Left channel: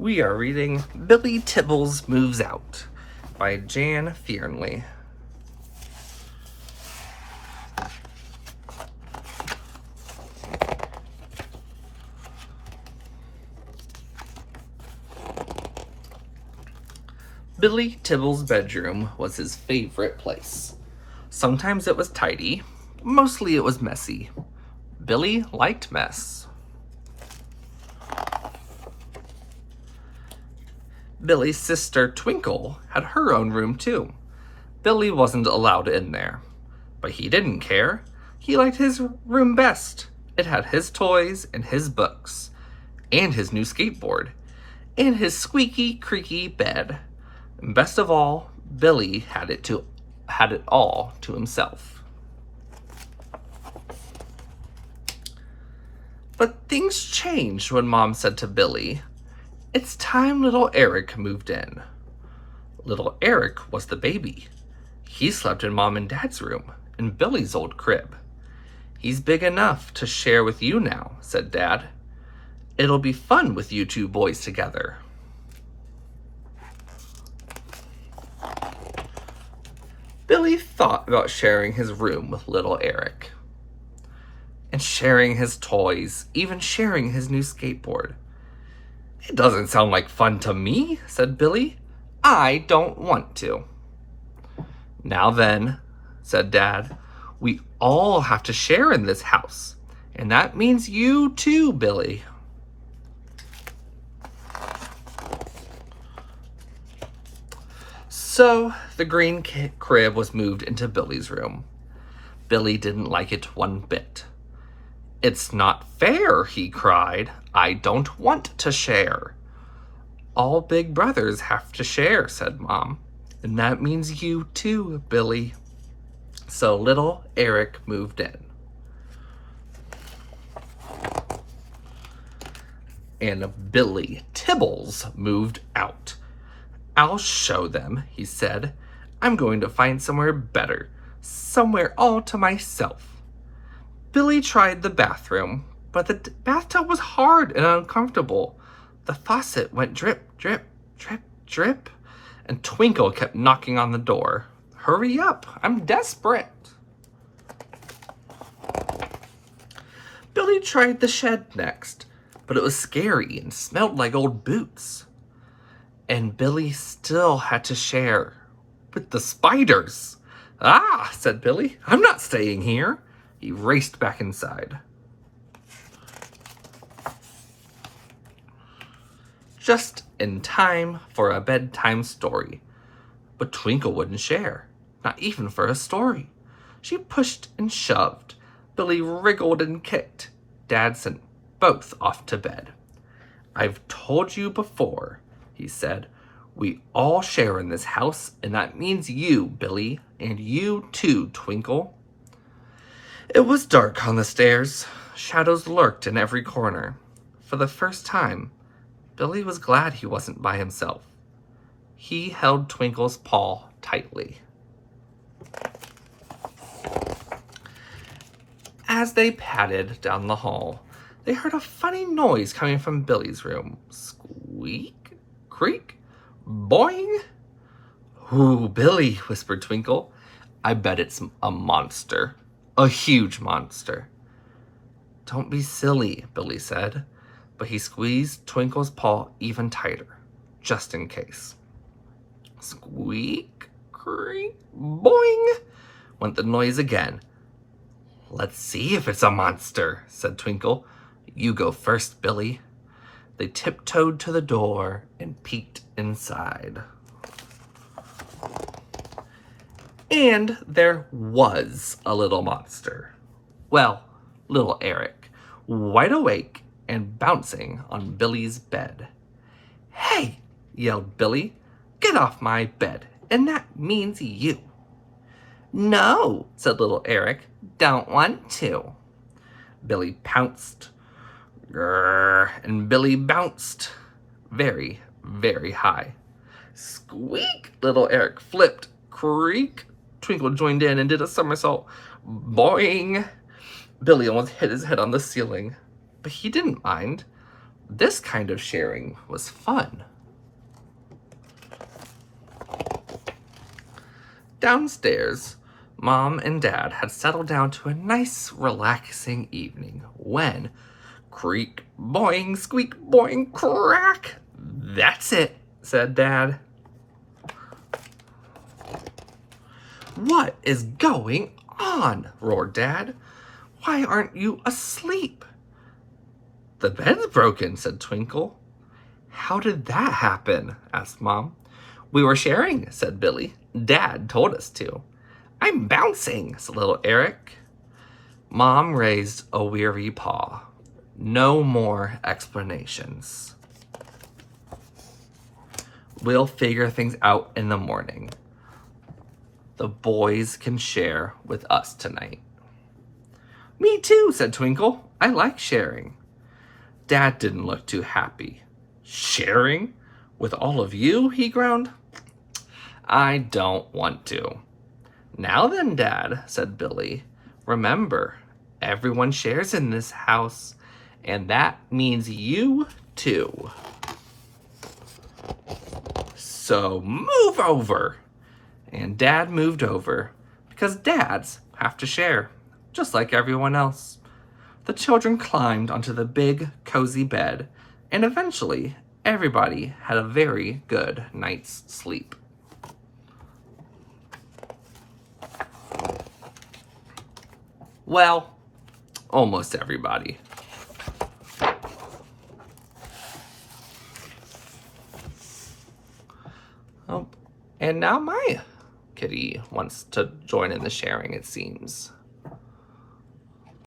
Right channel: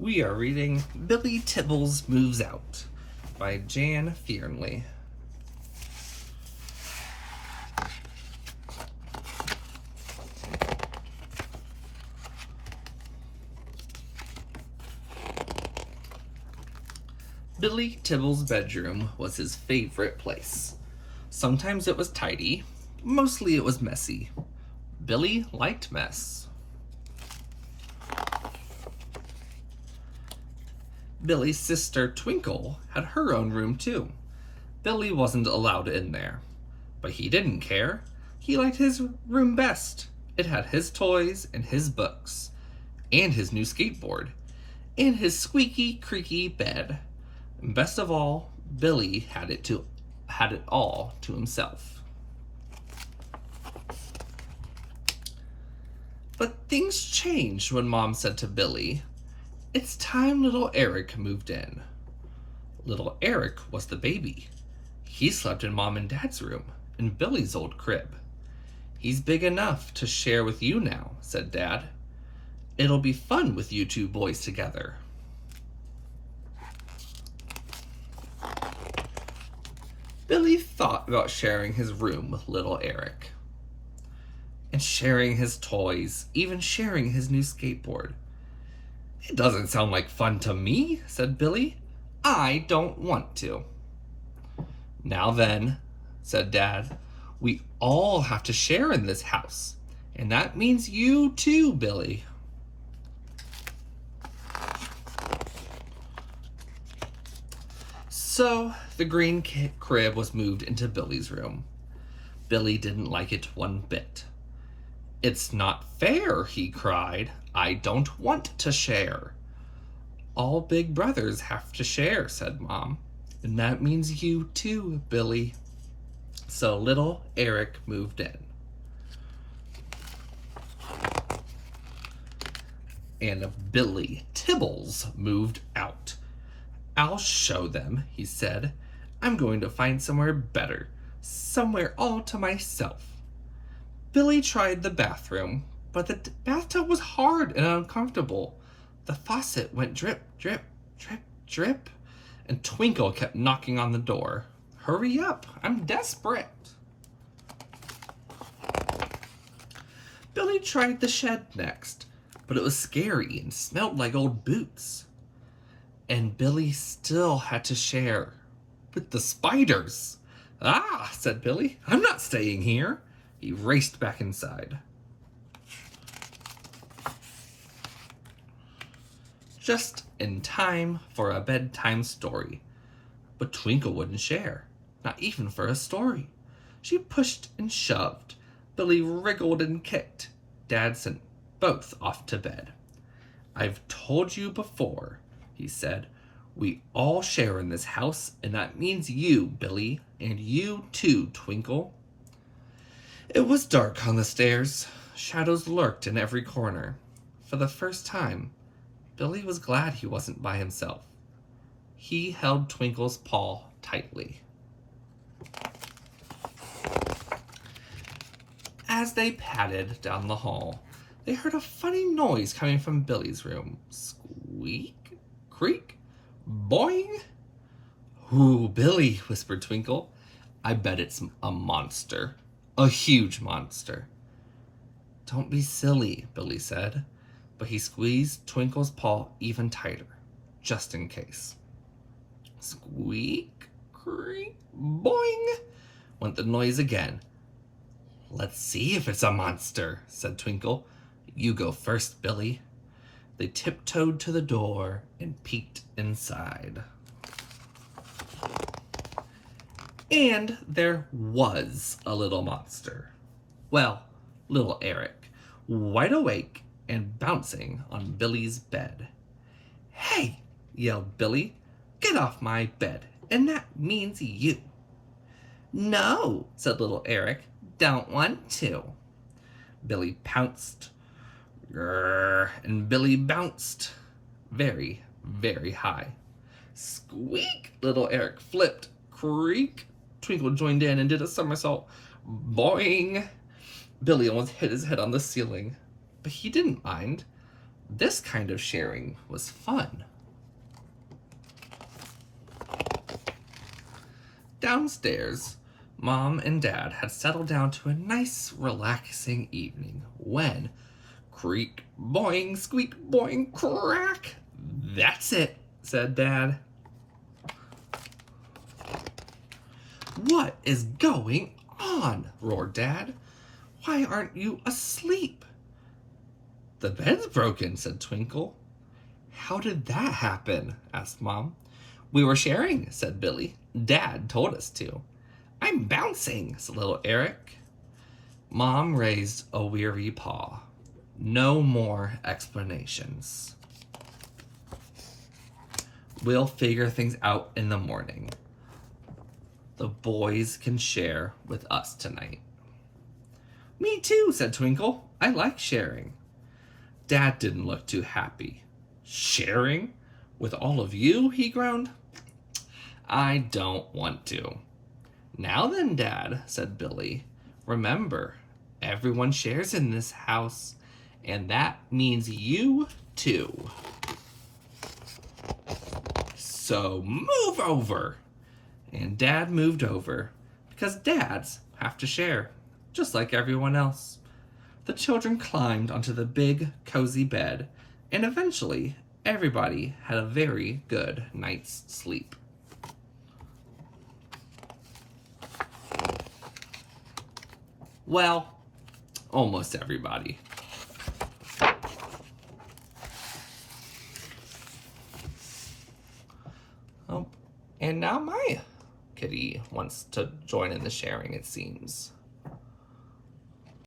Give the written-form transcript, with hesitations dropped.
We are reading Billy Tibbles Moves Out by Jan Fearnley. Billy Tibbles' bedroom was his favorite place. Sometimes it was tidy, mostly it was messy. Billy liked mess. Billy's sister Twinkle had her own room too. Billy wasn't allowed in there, but he didn't care. He liked his room best. It had his toys and his books, and his new skateboard, and his squeaky, creaky bed. And best of all, Billy had it all to himself. But things changed when Mom said to Billy, "It's time little Eric moved in." Little Eric was the baby. He slept in Mom and Dad's room, in Billy's old crib. "He's big enough to share with you now," said Dad. "It'll be fun with you two boys together." Billy thought about sharing his room with little Eric, and sharing his toys, even sharing his new skateboard. "It doesn't sound like fun to me," said Billy. "I don't want to." "Now then," said Dad, "we all have to share in this house, and that means you too, Billy." So the green crib was moved into Billy's room. Billy didn't like it one bit. "It's not fair," he cried. "I don't want to share." "All big brothers have to share," said Mom. "And that means you too, Billy." So little Eric moved in. And Billy Tibbles moved out. "I'll show them," he said. "I'm going to find somewhere better, somewhere all to myself." Billy tried the bathroom, but the bathtub was hard and uncomfortable. The faucet went drip, drip, drip, drip, and Twinkle kept knocking on the door. "Hurry up, I'm desperate." Billy tried the shed next, but it was scary and smelled like old boots. And Billy still had to share with the spiders. "Ah," said Billy, "I'm not staying here." He raced back inside. Just in time for a bedtime story. But Twinkle wouldn't share, not even for a story. She pushed and shoved. Billy wriggled and kicked. Dad sent both off to bed. "I've told you before," he said. "We all share in this house, and that means you, Billy, and you too, Twinkle." It was dark on the stairs. Shadows lurked in every corner. For the first time, Billy was glad he wasn't by himself. He held Twinkle's paw tightly. As they padded down the hall, they heard a funny noise coming from Billy's room. Squeak, creak, boing. "Ooh, Billy," whispered Twinkle. "I bet it's a monster. A huge monster." "Don't be silly," Billy said, but he squeezed Twinkle's paw even tighter, just in case. Squeak, creak, boing, went the noise again. "Let's see if it's a monster," said Twinkle. "You go first, Billy." They tiptoed to the door and peeked inside. And there was a little monster. Well, little Eric, wide awake and bouncing on Billy's bed. "Hey," yelled Billy, "get off my bed, and that means you." "No," said little Eric, "don't want to." Billy pounced. Grrr, and Billy bounced very, very high. Squeak! Little Eric flipped. Creak! Twinkle joined in and did a somersault. Boing! Billy almost hit his head on the ceiling, but he didn't mind. This kind of sharing was fun. Downstairs, Mom and Dad had settled down to a nice, relaxing evening when creak, boing, squeak, boing, crack. That's it, said Dad. What is going on? Roared Dad. Why aren't you asleep? The bed's broken, said Twinkle. How did that happen? Asked Mom. We were sharing, said Billy. Dad told us to. I'm bouncing, said little Eric. Mom raised a weary paw. No more explanations. We'll figure things out in the morning. The boys can share with us tonight. Me too, said Twinkle. I like sharing. Dad didn't look too happy. Sharing? With all of you? He groaned. I don't want to. Now then, Dad, said Billy. Remember, everyone shares in this house, and that means you too. So move over. And Dad moved over, because dads have to share, just like everyone else. The children climbed onto the big, cozy bed, and eventually everybody had a very good night's sleep. Well, almost everybody. Oh, and now my kitty wants to join in the sharing, it seems.